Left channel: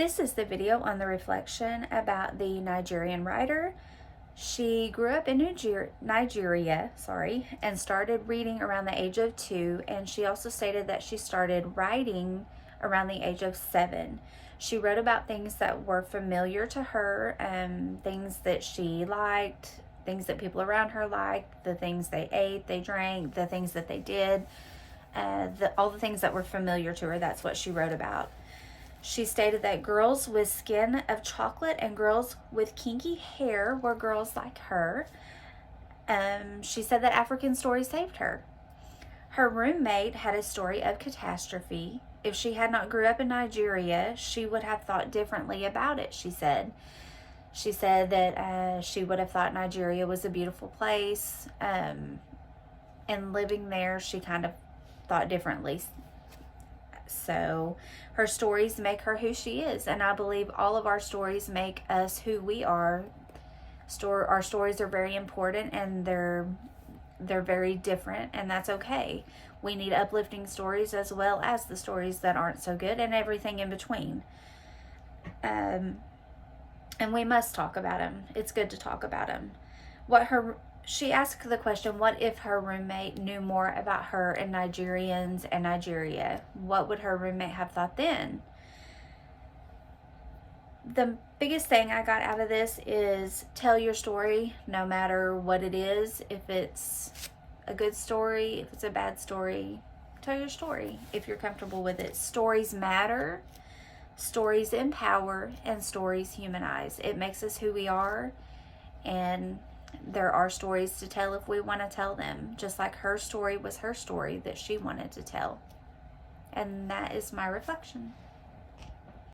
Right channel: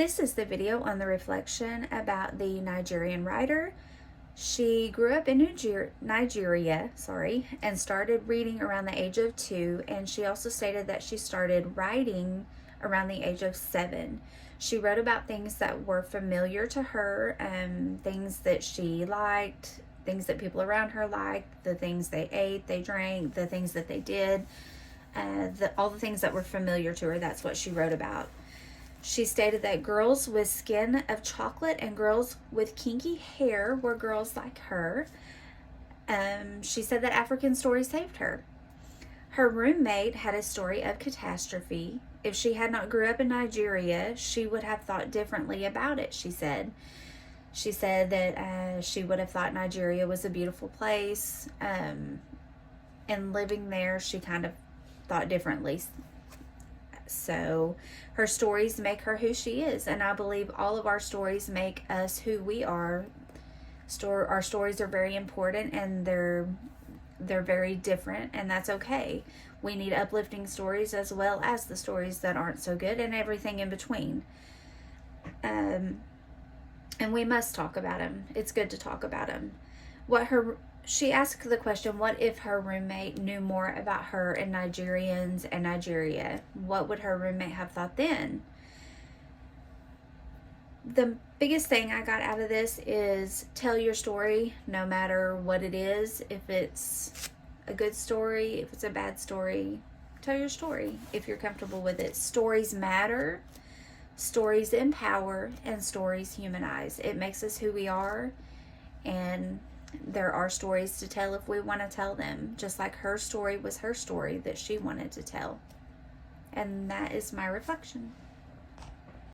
This is the video on the reflection about the Nigerian writer. She grew up in Nigeria, and started reading around the age of 2, and she also stated that she started writing around the age of 7. She wrote about things that were familiar to her, things that she liked, things that people around her liked, the things they ate, they drank, the things that they did, all the things that were familiar to her. That's what she wrote about. She stated that girls with skin of chocolate and girls with kinky hair were girls like her. She said that African stories saved her. Her roommate had a story of catastrophe. If she had not grew up in Nigeria, she would have thought differently about it, she said. She said that she would have thought Nigeria was a beautiful place. And living there, she kind of thought differently. So her stories make her who she is, and I believe all of our stories make us who we are. Our stories are very important, and they're very different, and that's okay. We need uplifting stories as well as the stories that aren't so good, and everything in between. And we must talk about them. It's good to talk about them. She asked the question, what if her roommate knew more about her and Nigerians and Nigeria? What would her roommate have thought then? The biggest thing I got out of this is tell your story, no matter what it is. If it's a good story, if it's a bad story, tell your story if you're comfortable with it. Stories matter, stories empower, and stories humanize. It makes us who we are, and there are stories to tell if we want to tell them, just like her story was her story that she wanted to tell. And that is my reflection.